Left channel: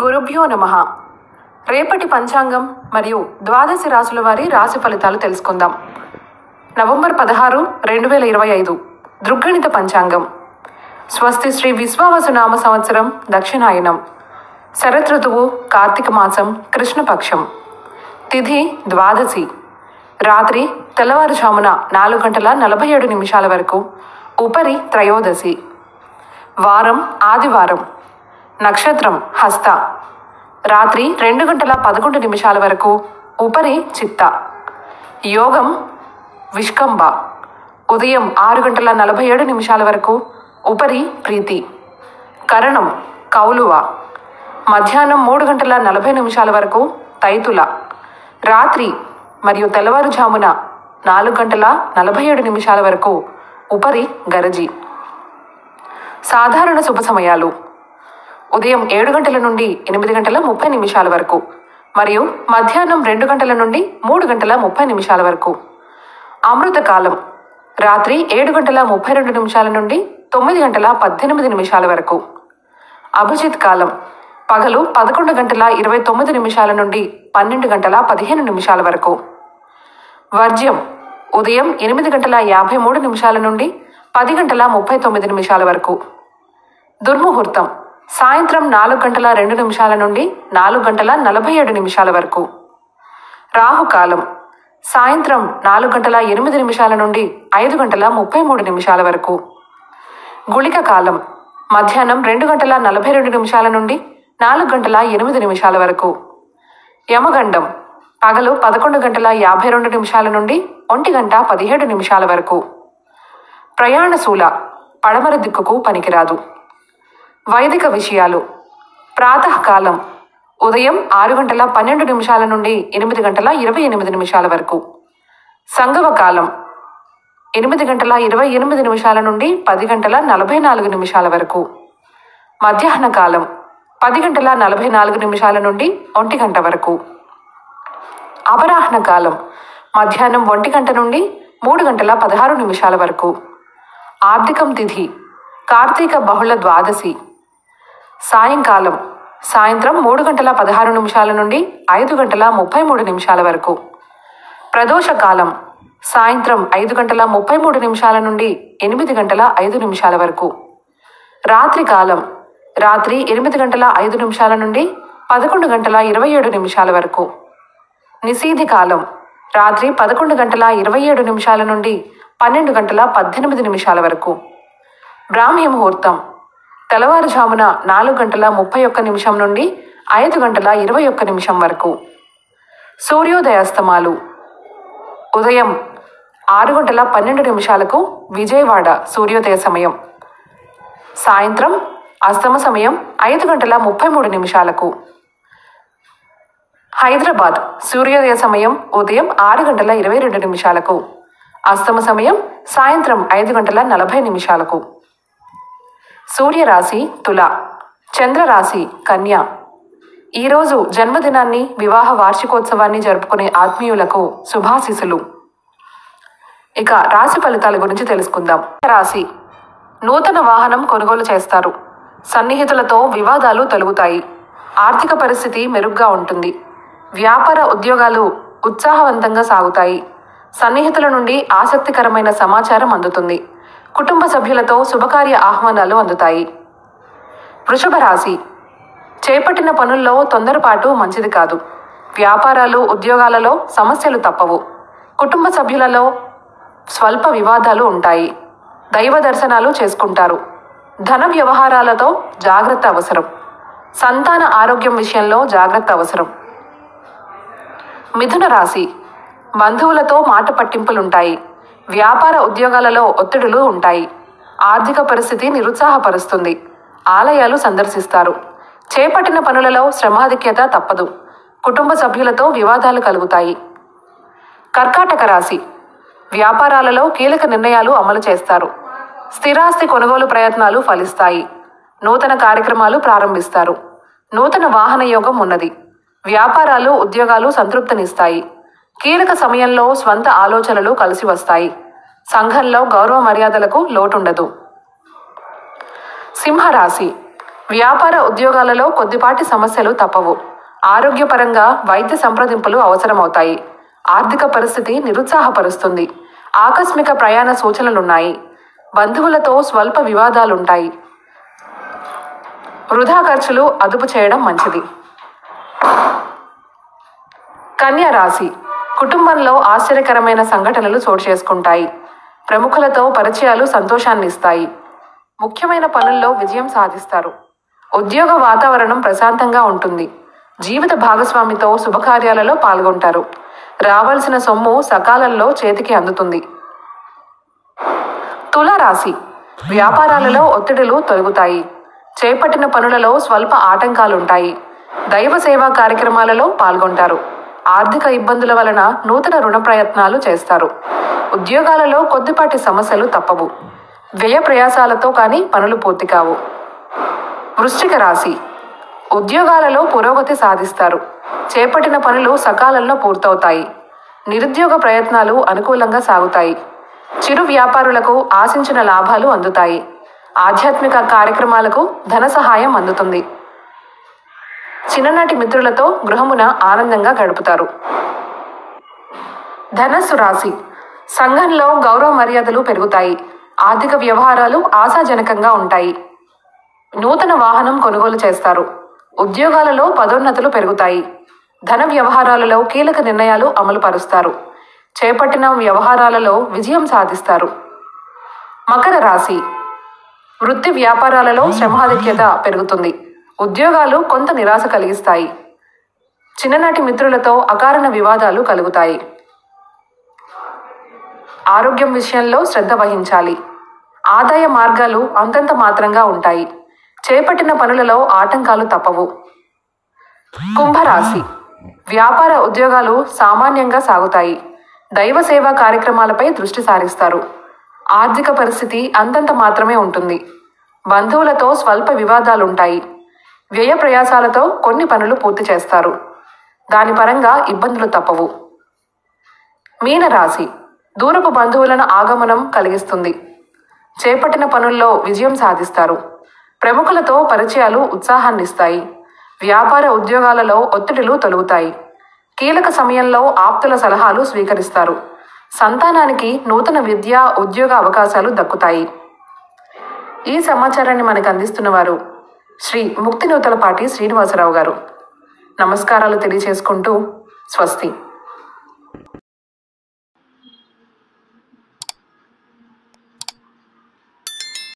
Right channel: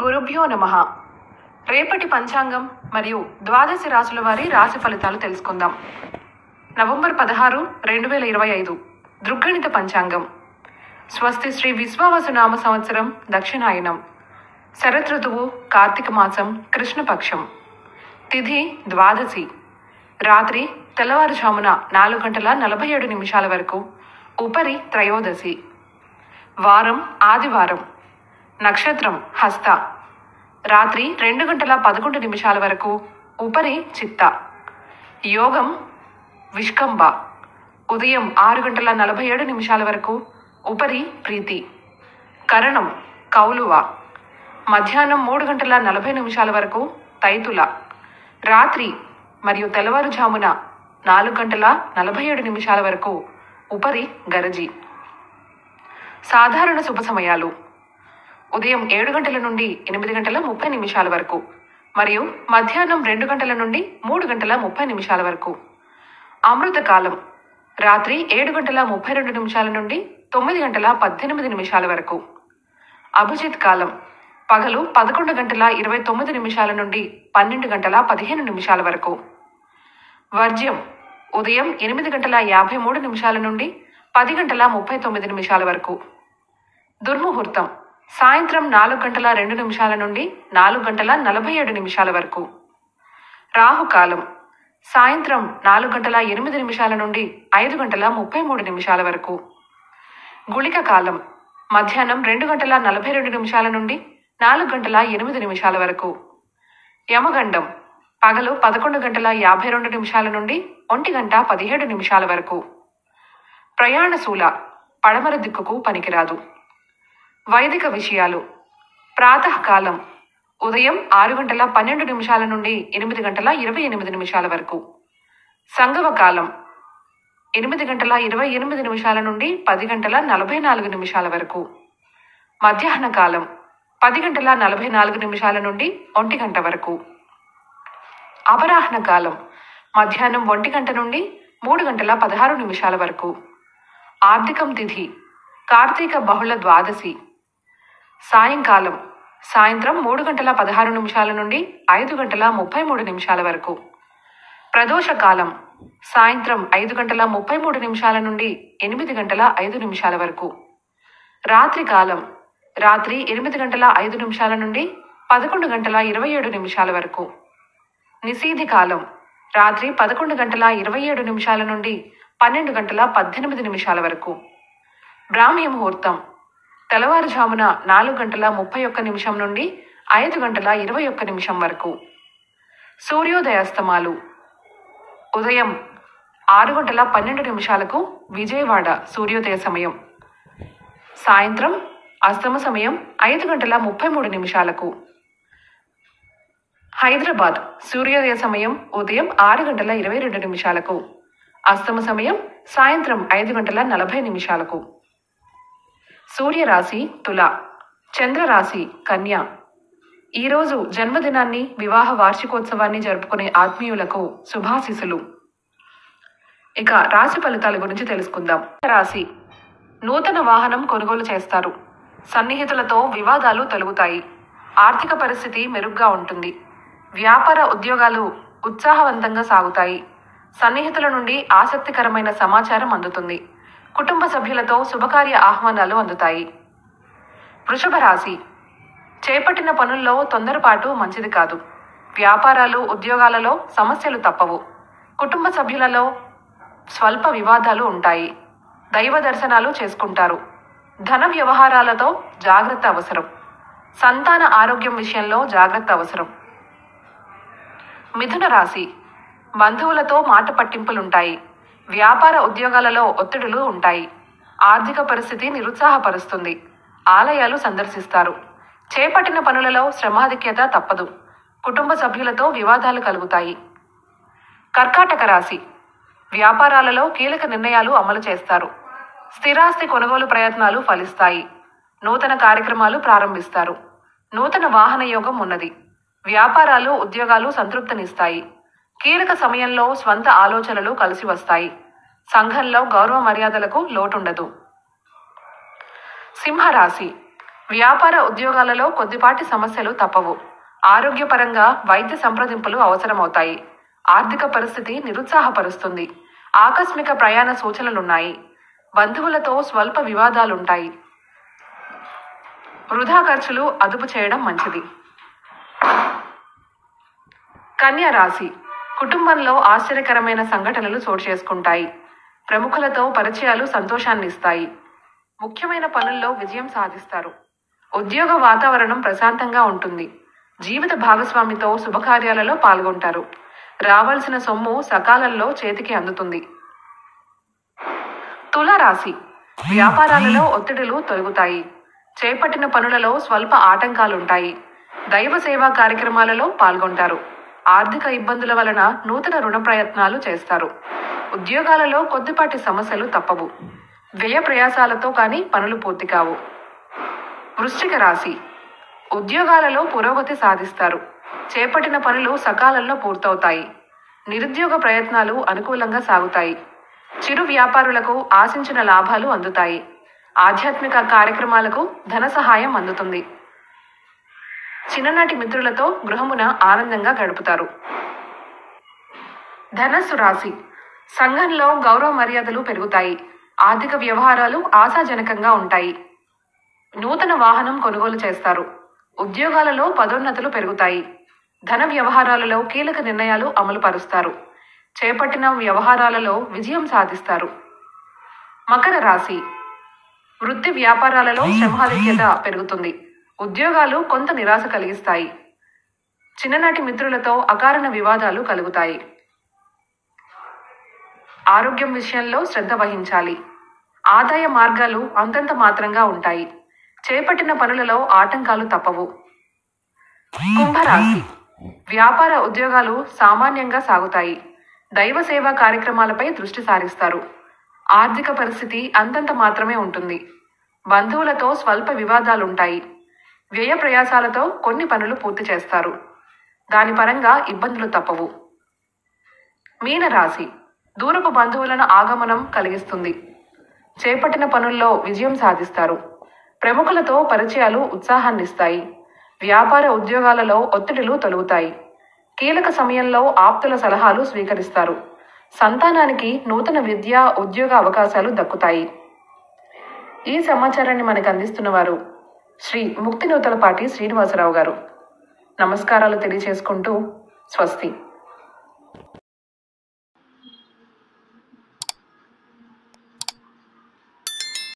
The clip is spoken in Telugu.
గురుభ్యో నమః. రేపటి పంచాంగం మరియు ద్వాదశి రాశుల వారి రాశి ఫలితాలు తెలుసుకుందాం. నవంబర్ 16, 2025 దృగ్గణిత పంచాంగం. స్వస్తి శ్రీ విశ్వావసునామ సంవత్సరం దక్షిణాయనం. శరతృతువు కార్తీక మాసం కృష్ణపక్షం. తిథి ద్వాదశి. రాత్రి తెల్లవారుజామున 4:47 వరకు. ఉపరి త్రయోదశి. వారం ఆదివారం. నక్షత్రం హస్త. రాత్రి 2:11 వరకు. ఉపరి చిత్త. యోగం విష్కంభ. ఉదయం 6:47 వరకు. ఉపరి ప్రీతి. కరణం కౌలువ. మధ్యాహ్నం 3:40 వరకు. తైతుల. రాత్రి మరియు తెల్లవారుజామున 4:47 వరకు. ఉపరి గరజి. సాధారణ శుభ సమయాలు ఉదయం 7 గంటల నుండి 8:30 వరకు మరియు మధ్యాహ్నం 2 గంటల నుండి 3:30 వరకు. అమృతకాలం రాత్రి 7:32 నుండి 9:18 వరకు. అభిజిత్ కాలం పగలు 11:29 నుండి 12:15 వరకు. వర్జ్యం ఉదయం 8:53 నుండి 10:39 వరకు. దుర్ముహూర్తం సాయంత్రం 4:02 నుండి 4:47 వరకు. రాహుకాలం సాయంత్రం 4:08 నుండి 5:33 వరకు. గుళిక కాలం మధ్యాహ్నం 2:42 నుండి 4:08 వరకు. యమగండం పగలు 11:52 నుండి 1:17 వరకు. ప్రయాణశూల పడమర దిక్కుకు పనికిరాదు. వైదిక విషయాలు ప్రాతకాలం ఉదయం 6:12 నుండి 8:28 వరకు. సంగమ కాలం 8:28 నుండి 10:44 వరకు. మధ్యాహ్న కాలం 10:44 నుండి 1 గంట వరకు. అపరాహ్న కాలం మధ్యాహ్నం 1 గంట నుండి 3:16 వరకు. ఆర్థికం తిథి కార్తీక బహుళ ద్వాదశి. సాయంకాలం సాయంత్రం 3:16 నుండి 5:33 వరకు. ప్రదోషకాలం సాయంత్రం 5:33 నుండి 8:05 వరకు. రాత్రి కాలం రాత్రి 8:05 నుండి 11:27 వరకు. నిశీధి కాలం రాత్రి 11:27 నుండి 12:18 వరకు. బ్రాహ్మీ ముహూర్తం తెల్లవారుజామున 4:31 నుండి 5:21 వరకు. సూర్యోదయాస్తమాలు ఉదయం 6:12 విజయవాడ సూర్యోదయ సమయం. సాయంత్రం అస్తమ సమయం 5:33. హైదరాబాద్ సూర్యోదయ సమయం ఉదయం 6:22. అస్తమ సమయం సాయంత్రం 5:40. సూర్యరాశి తుల, చంద్రరాశి కన్య. ఈరోజు జన్మదినాన్ని వివాహ వార్షికోత్సవాన్ని జరుపుకునే ఆత్మీయులకు శుభాశీస్సులు. ఇక రాశి ఫలితాల గురించి తెలుసుకుందాం. రాశి నూతన వాహనం కొనుగోలు చేస్తారు. సన్నిహితులతో వివాదాలు తొలగుతాయి. ఆర్థిక పరిస్థితి మెరుగ్గా ఉంటుంది. వ్యాపార ఉద్యోగాలు ఉత్సాహవంతంగా సాగుతాయి. సన్నిహితుల నుండి ఆసక్తికరమైన సమాచారం అందుతుంది. కుటుంబ సభ్యులతో శుభకార్య ఆహ్వానాలు అందుతాయి. వృషభ రాశి చేపట్టిన పనుల్లో తొందరపాటు మంచిది కాదు. వ్యాపారాలు ఉద్యోగాలలో సమస్యలు తప్పవు. కుటుంబ సభ్యులలో స్వల్ప వివాదాలు ఉంటాయి. దైవ దర్శనాలు చేసుకుంటారు. ధన వ్యవహారాలతో జాగ్రత్త అవసరం. సంతాన ఆరోగ్యం విషయంలో జాగ్రత్త అవసరం. మిథున రాశి బంధువులతో మాట పట్టింపులుంటాయి. వ్యాపార ఉద్యోగాలలో ఒత్తిడులు ఉంటాయి. ఆర్థిక పరిస్థితి నిరుత్సాహపరుస్తుంది. ఆలయాలు సందర్శిస్తారు. చేపట్టిన పనులలో శ్రమాధిక్యత తప్పదు. కుటుంబ సభ్యులతో వివాదాలు కలుగుతాయి. కర్కాటక రాశి వ్యాపారాలలో కీలక నిర్ణయాలు అమలు చేస్తారు. స్థిరాస్తి కొనుగోలు ప్రయత్నాలు ఫలిస్తాయి. నూతన కార్యక్రమాలు ప్రారంభిస్తారు. నూతన వాహన యోగం ఉన్నది. వ్యాపారాలు ఉద్యోగాలు సంతృప్తినిస్తాయి. కీలక సమయంలో స్వంత ఆలోచనలు కలిసి వస్తాయి. సంఘంలో గౌరవ మర్యాదలకు లోటుండదు. సింహరాశి వ్యాపార ఉద్యోగాలలో కొద్దిపాటి సమస్యలు తప్పవు. ఆరోగ్యపరంగా వైద్య సంప్రదింపులు అవసరమవుతాయి. ఆర్థిక పరిస్థితి నిరుత్సాహపరుస్తుంది. ఆకస్మిక ప్రయాణ సూచనలున్నాయి. బంధువులతో స్వల్ప వివాదాలుంటాయి. వృధా ఖర్చులు అదుపు చేయడం మంచిది. కన్యా రాశి. కుటుంబంలో ఆశ్చర్యకరమైన సంఘటనలు చోటు చేసుకుంటాయి. ప్రముఖులతో పరిచయాలు సంతోషాన్ని ఇస్తాయి. ముఖ్యమైన పనుల్లో విజయం సాధిస్తారు. ఉద్యోగ వాతావరణం ప్రశాంతంగా ఉంటుంది. జీవిత భాగస్వామితో శుభకార్యాలలో పాల్గొంటారు. రావాల్సిన సొమ్ము సకాలంలో చేతికి అందుతుంది. తులారాశి. వ్యాపారాలలో ఒత్తిడులు తొలగుతాయి. చేపట్టిన పనులలో స్వల్ప ఆటంకాలుంటాయి. దైవ సేవా కార్యక్రమాలలో పాల్గొంటారు. ఆర్థిక ఇబ్బందుల వలన నూతన రుణ ప్రయత్నాలు చేస్తారు. ఉద్యోగాలలో కొద్దిపాటి సమస్యలు తప్పవు. వ్యయ ప్రయాసాలతో కానీ పనులు పూర్తి కావు. వృశ్చిక రాశి. ఉద్యోగాలలో పురోగతి సాధిస్తారు. చేపట్టిన పనులు సకాలంలో పూర్తవుతాయి. నిరుద్యోగ ప్రయత్నాలు అనుకూలంగా సాగుతాయి. చిరు వ్యాపారులకు ఆశించిన లాభాలు అందుతాయి. ఆధ్యాత్మిక కార్యక్రమాలకు ధన సహాయం అందుతుంది. చిన్ననాటి మిత్రులతో గృహమున ఆనందంగా గడుపుతారు. ధనస్సు రాశి. సంఘంలో గౌరవ మర్యాదలు పెరుగుతాయి. ఆర్థిక వ్యవహారాలు ఆశాజనకంగా ఉంటాయి. నూతన వాహనం కొనుగోలు చేస్తారు. ఉద్యోగాలలో పదోన్నతులు పెరుగుతాయి. ధన వ్యవహారాలలో కీలక నిర్ణయాలు అమలు పరుస్తారు. చేపట్టిన వ్యవహారాలలో విజయం సాధిస్తారు. మకర రాశి. వృత్తి వ్యాపారాలలో శ్రమాధిక్యత పెరుగుతుంది. ఉద్యోగాలు కొంత నిరాశ కలిగిస్తాయి. చిన్ననాటి మిత్రులతో అకారణ వివాదాలు కలుగుతాయి. ఆరోగ్యం విషయంలో శ్రద్ధ వహించాలి. ఆదాయ మార్గాలు అంతంత మాత్రంగా ఉంటాయి. చేపట్టిన పనులలో ఆటంకాలు తప్పవు. కుంభరాశి. వ్యాపార ఉద్యోగాలు సామాన్యంగా సాగుతాయి. దైవ సేవా కార్యక్రమాలపై దృష్టి సారిస్తారు. ఆర్థిక పరిస్థితి అంతంత మాత్రమే ఉంటుంది. బంధువులతో స్వల్ప వివాదాలుంటాయి. వ్యయ ప్రయాసాలతో కొన్ని పనులు పూర్తి చేస్తారు. దాని పరంగా ఇబ్బందులు తప్పవు. మీనరాశి. దూరపు బంధువులను ఆగమనం కలిగిస్తుంది. చేపట్టిన పనుల్లో విజయం సాధిస్తారు. ప్రముఖులతో పరిచయాలు ఉత్సాహాన్నిస్తాయి. వ్యాపార ఉద్యోగాలలో ఒత్తిడులు తొలగుతాయి. కీలక సమయంలో ఆప్తుల సలహాలు స్వీకరిస్తారు. సంతానానికి నూతన విద్యా ఉద్యోగ అవకాశాలు దక్కుతాయి. ఈ సమాచారాన్ని మనకు అందిస్తున్న వారు శ్రీ ముక్తినూతలపాటి శ్రీనివాసరావు గారు. నమస్కారాలు తెలియజేసుకుంటూ స్వస్తి.